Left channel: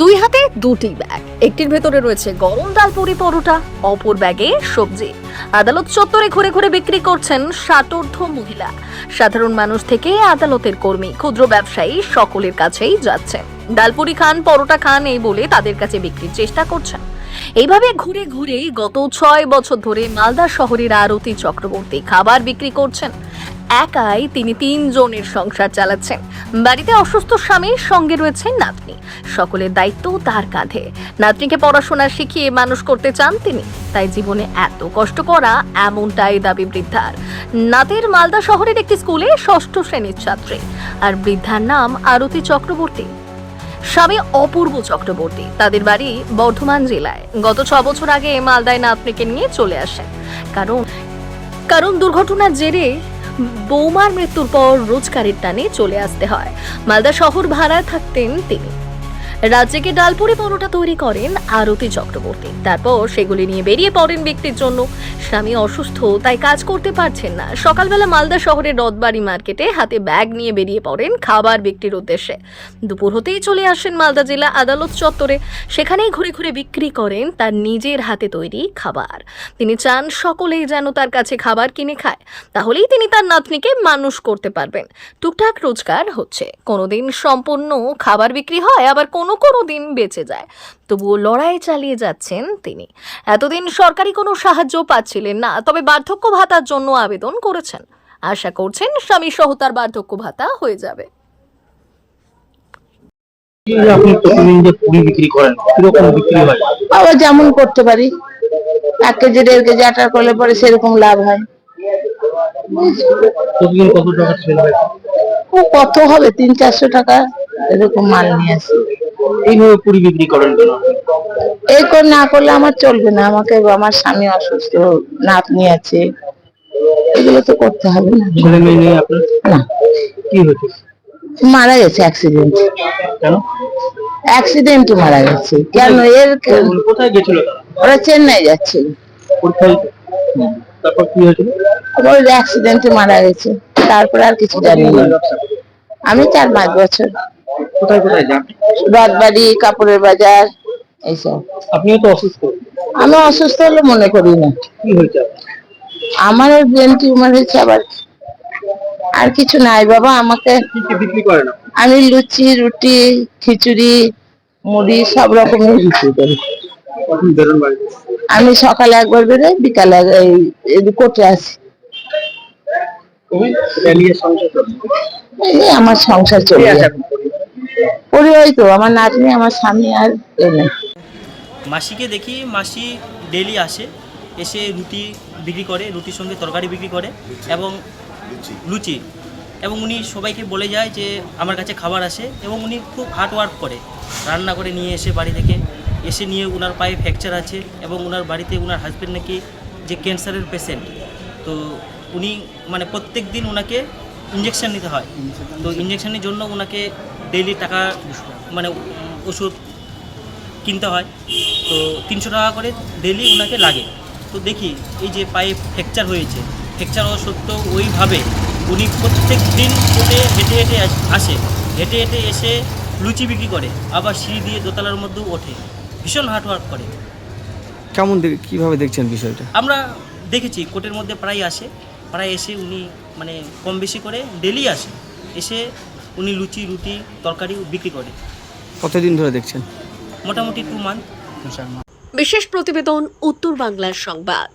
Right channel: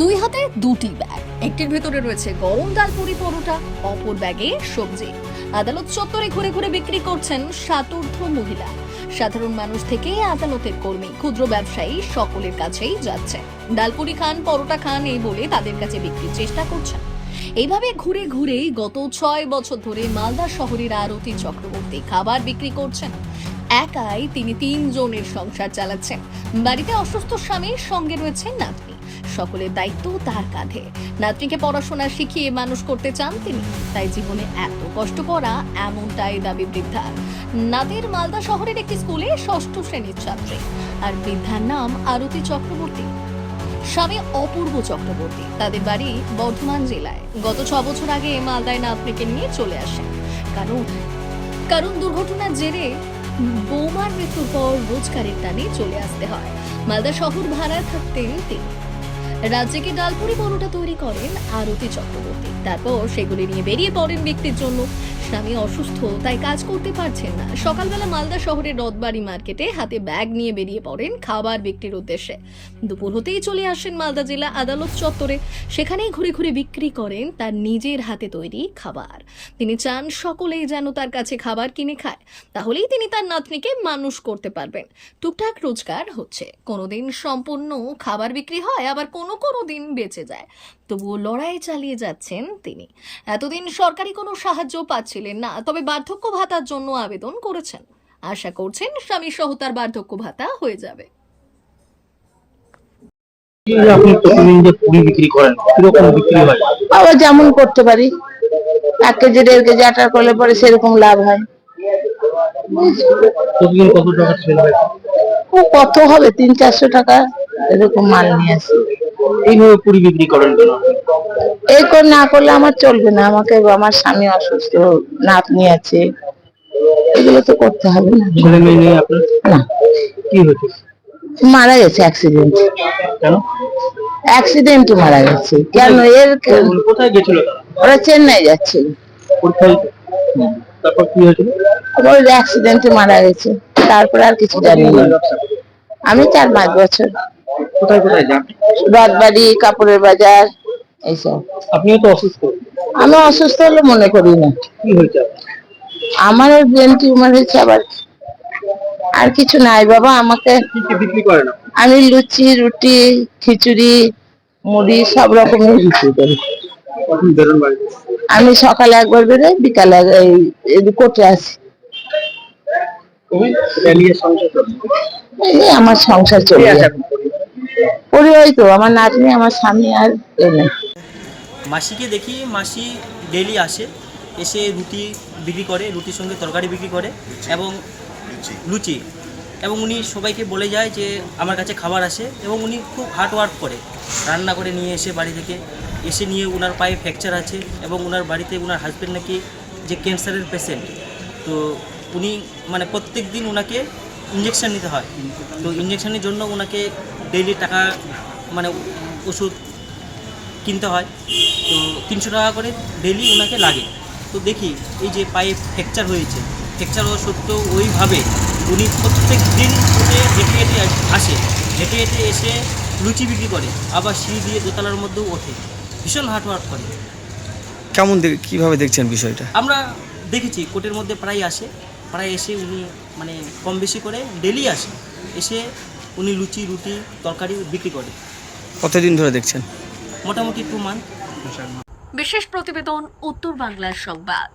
দুই হাতে দুটি ব্যাগ, একটির ভেতরে রয়েছে গরম ডাল পুরি পরোটা, অপর ব্যাগে সবজি। আদালত চত্বরে ঘুরে ঘুরে বিক্রি করছেন ষাটোর্ধ্ব মহিলা। সাধারণ মানুষ থেকে আদালতের কর্মী, ক্ষুদ্র ব্যবসায়ী সকলের কাছেই যাচ্ছে। ডালপুরি খান, পরোটা খান এই বলে তাদের কাছে বিক্রির চেষ্টা করছেন। এইভাবে ঘুরে ঘুরেই গত 6 বছর ধরে মালদা শহরের আরতি চক্রবর্তী খাবার বিক্রি করছেন। একাই তিনি 3 জনের সংসার চালাচ্ছেন। বাড়িতে অসুস্থ স্বামীর সঙ্গে রয়েছে নাতনি, সকলের দায়িত্ব তার কাঁধে। নাতনিকে পড়াশোনা শিখিয়ে মানুষ করতে চান তিনি, তাই জীবনে এত কষ্ট করা, এমনটাই দাবি বৃদ্ধার। নাদের মালদা শহরের একটি স্কুলে 6ষ্ঠ শ্রেণীর ছাত্রী, আর বৃদ্ধার নাম আরতি চক্রবর্তী। স্বামী অপূর্ব চক্রবর্তী, তাদের বাড়ি বর্ধমান জেলায়। গত 6 বছর আগে মালদায় নাতনিকে নিয়ে চলে আসেন। কারণ দুর্ঘটনার জেরে বৌমার মৃত্যুর পর রোজগারের টানে চলে আসতে হয়। মালদা শহর ভাড়ায় থাকতেন তিনি। রাজ্যকে ডালপুরি পরোটা তৈরি করেন আরতি চক্রবর্তী, তারপর সেগুলি নিয়ে বেরিয়ে পড়েন বিক্রির জন্য। স্বামী অসুস্থ, তাই কাজ করতে পারছেন না। সকালবেলা মালদা শহরের রথবাড়ি মার্কেটে হাতে ব্যাগ নিয়ে বেরিয়ে পড়েন খাবার বিক্রির উদ্দেশ্যে। দুপুর হতেই চলে আসেন মালদা জেলা আদালত চত্বরে। সেখানেই ঘুরে ঘুরে বিক্রি করেন তার নিজের হাতে তৈরি খাবার। তিনি চান সকলেই যেন তার কাছে খাবার কিনে খায়, তাহলেই তিনি তার নাতনিকে মানুষ করতে পারবেন। টুকটাক রোজগার হচ্ছে, কোনোদিন সম্পূর্ণ খাবার বিক্রি হয়, আবার কোনো দিন বেঁচে যায়। তবুও লড়াই চালিয়ে যাচ্ছেন তিনি। এতদিন সরকারি কোনো সাহায্য পাচ্ছিলেন না, তবে বার্ধক্য ভাতার জন্য আবেদন করেছেন। আশা করছেন স্বামী সহ তার বার্ধক্য ভাতা হয়ে যাবে। আপনি প্রতিদিন যে পুরি বিক্রি করেন, কিরকম বিক্রি হয়? আবার যেমন করতে পারি, 1 কেজি 1.5 কেজি আটার করলে পরে সেরকম লাভ হয়। প্রতিদিন কত টাকা সেল হয়? ও কত হবে, 300-400 টাকা এরকম মাল নিয়ে আসি। এইভাবে পুরি বিক্রি করেন কেন? এই করে না করলে আমার চলবে না। আমাকে, আমার স্বামী অসুস্থ, নাতনি আছে, এগুলো তো করতে হবে না। ছেলে মেয়ে নেই আপনার? না, কি হয়েছে? মারা গেছে অ্যাক্সিডেন্ট। কেন? অ্যাক্সিডেন্টে মারা গেছে। কেন? কোথায় গেছিল তারা? ওরা চেন্নাই যাচ্ছিল। পরীক্ষা দিতে? তারপর কি হয়েছিল? ওই অ্যাক্সিডেন্টে মারা গেছে। তারপর আর কিছু জানি না। আমি 4-5 বছর। কোথায় কোথায় যান? রথবাড়ি, কাপড়ের বাজার, এইসব। আপনিও তো অসুস্থ। আমি অসুস্থ হলে মনে করি না। কি হয়েছে? আমার ব্রেন টিউমার হয়েছে। আবার আর কিছু নাই বাবা। আমাকে কি কি বিক্রি করেন? আমি লুচি, রুটি, খিচুড়ি, মুড়ি সব রকমের বিক্রি করি। কখন বেরোন বাড়িতে? আমি সকালে একবার বেরোই, বিকালে এই কোর্টে আসি। এটা নিয়ে সংসার চলে? এই আমার সংসার চলে কে আছে যায়। এখন? পরিবার তো আমার নাতনি, আমার স্বামী, আর কেউ নেই। মাসিকে দেখি, মাসি ডেইলি আসে, এসে রুটি বিক্রি করে, রুটির সঙ্গে তরকারি বিক্রি করে এবং লুচি। এবং উনি সবাইকে বলে যায় যে আমার কাছে খাবার আসে, এবং উনি খুব হার্ড ওয়ার্ক করে, রান্না করে নিয়ে এসে বাড়ি থেকে এসে নিয়ে ওনার পায়ে ফ্র্যাকচার আছে, এবং ওনার বাড়িতে ওনার হাজব্যান্ড নাকি যে ক্যান্সারের পেশেন্ট। তো উনি মানে প্রত্যেক দিন ওনাকে ইঞ্জেকশন নিতে হয়। তো ইঞ্জেকশনের জন্য ওনাকে ডেইলি টাকা মানে ওষুধ কিনতে হয়। তো 300 টাকা করে ডেইলি ওনাকে লাগে। তো দেখি এই যে পায়ে ফ্র্যাকচার হয়েছে, ফ্র্যাকচার হওয়া সত্ত্বেও ওইভাবে উনি প্রত্যেক দিন উঠে হেঁটে হেঁটে আসে, হেঁটে হেঁটে এসে লুচি বিক্রি করে, আবার সিঁড়ি দিয়ে দোতলার মধ্যেও ওঠে, ভীষণ হার্ড ওয়ার্ক করে। কেমন কিভাবে দেখছেন বিষয়টা? আমরা দেখেছি কোর্টের মধ্যে প্রায় আসে, প্রায় এসে উনি মানে কম বেশি করে ডেইলি আসে, এসে উনি লুচি, রুটি, তরকারি বিক্রি করে। কতদিন ধরে দেখছেন? মোটামুটি 2 মান্থ। বিশেষ প্রতিবেদন, উত্তর বাংলার সংবাদ।